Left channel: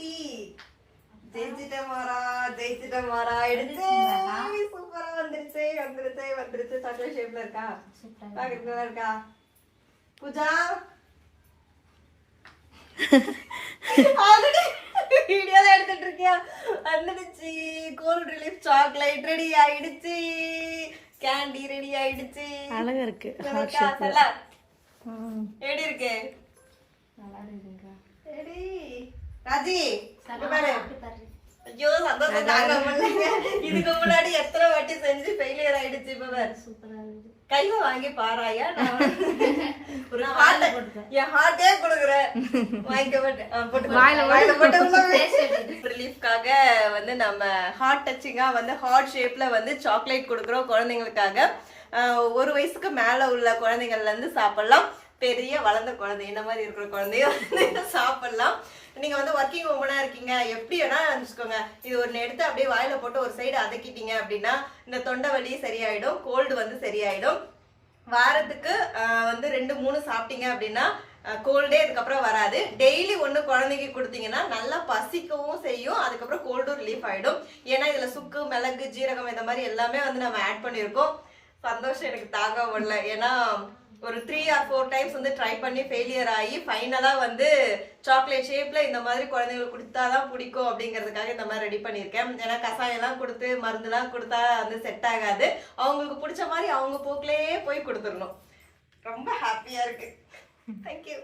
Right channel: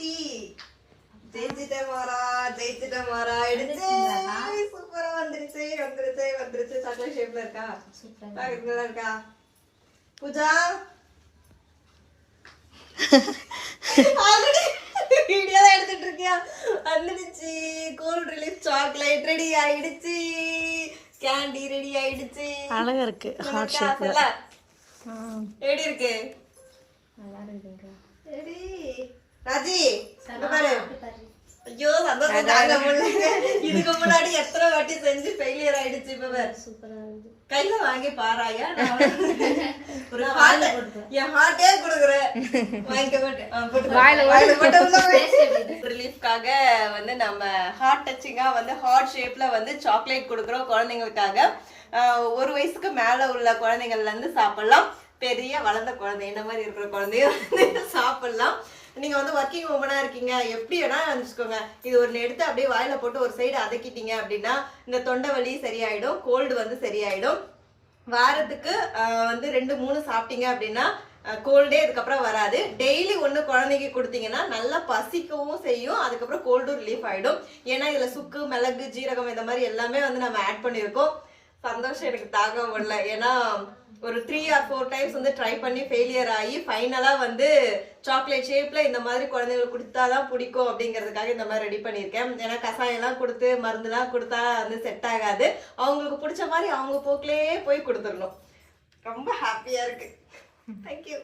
Happy. ஜெயிச்சிட்டேன் மாறா, ஜெயிச்சிட்டேன் மாறா. எடுத்து சூப்பரா வந்துருச்சு வந்துருச்சு வந்துருச்சு. சாக்லேட் ஷேப்ல இருக்கா? சாக்லேட்ல இருக்கா? பூஜா வீடியோ தான் எடுத்துட்டு இருக்கியா? வந்துடுச்சு. கோல்ட் ரிலீஃப் சாக்லேட் ரெடி ஆயிடுச்சு. கேண்டி ரெடி ஆயிடுச்சு. அழகா இருக்கு. ஹார்ட் ஷேப்ல. எப்படி இருக்கு? நல்லா இருக்குங்க. ரெடி. ராஜி பாரு. ஐயோ சந்தோஷம் தாங்க முடியல. இதுக்கு முன்னாடி எத்தனை வாட்டி செஞ்சு ஃபெயிலியர் ஆயிடுச்சு. இப்ப பாரு சூப்பரா இருக்கு. கையில வாங்கி பாராயா. ஒரு ஹார்ட் என் ஹார்ட்டே கொடுக்குறேன். வாங்கிக்க போட்டு வாயில போட்டு ரிலீஃப்காக வந்து நம்ம ஹார்ட் டச்சிங்கா வந்து ஹார்ட் ஷேப்ல வந்து சாக்லேட் கொடுக்குறோம் குழந்தைங்களுக்காக. 1 வயசுக்கு மேல உள்ள குழந்தைங்கள்ல இருந்து சாப்பிடலாம். பெரிய வளர்ந்த குழந்தை என்ன மாதிரி இருக்கிற குழந்தைய சாப்பிடலாம். நீங்க வந்து ஒர்க்கிங் உமனா இருக்கீங்க, எப்படி வேணா நினைச்சுக்கோங்க. இது ஒன்னு எடுத்து அப்படியே வாயில போட்டு ஒரு சைடு அதக்கிட்டீங்க அப்படின்னா இந்த தொண்டை வலி சரியாயிடும், கோல்டு வந்து சரியாயிடும். வாரத்துக்கு வந்து 2-3 சாப்பிட்டீங்க அப்படின்னா கோல்டே அதுக்கப்புறம் வராது. டெய்லி ஒன்று குழந்தைக்கு கொடுத்தீங்கன்னா நல்லா பசிக்கவும் செய்யும், அதுக்கப்புறம் கோல்டும் ரிலீஃப் ஆயிடும். ஏன்னா இதுல சுக்கு, மிளகு, ஜீரகம் இந்த மாதிரி எல்லாமே வந்து நம்ம ஆட் பண்ணியிருக்கோம். சந்தோஷம் எனக்கு தாங்க முடியல. ஏன்னா ஒரு 3 or 4 டைம்ஸ் வந்து ட்ரை பண்ணி ஃபெயிலியர் ஆகி ஃபைனலா வந்து சாக்லேட் ஷேப்ல இந்த மாதிரி குழந்தைங்களுக்கு கொடுத்தாதான் பிடிக்கும் அப்படிங்கிறதுக்காக இந்த மாதிரி ரெடி பண்ணியிருக்கேன். ஏன்னா கசாயம்லாம் கொடுத்து மருந்துலாம் கொடுத்தா வந்து செட் ஆகாது. அவங்களுக்கு பிடிச்ச மாதிரி அவங்க போக்கிலேயே போய் கொடுத்துடணும். ரொம்ப ஹாப்பியா இருக்கு. தேங்க்யூ.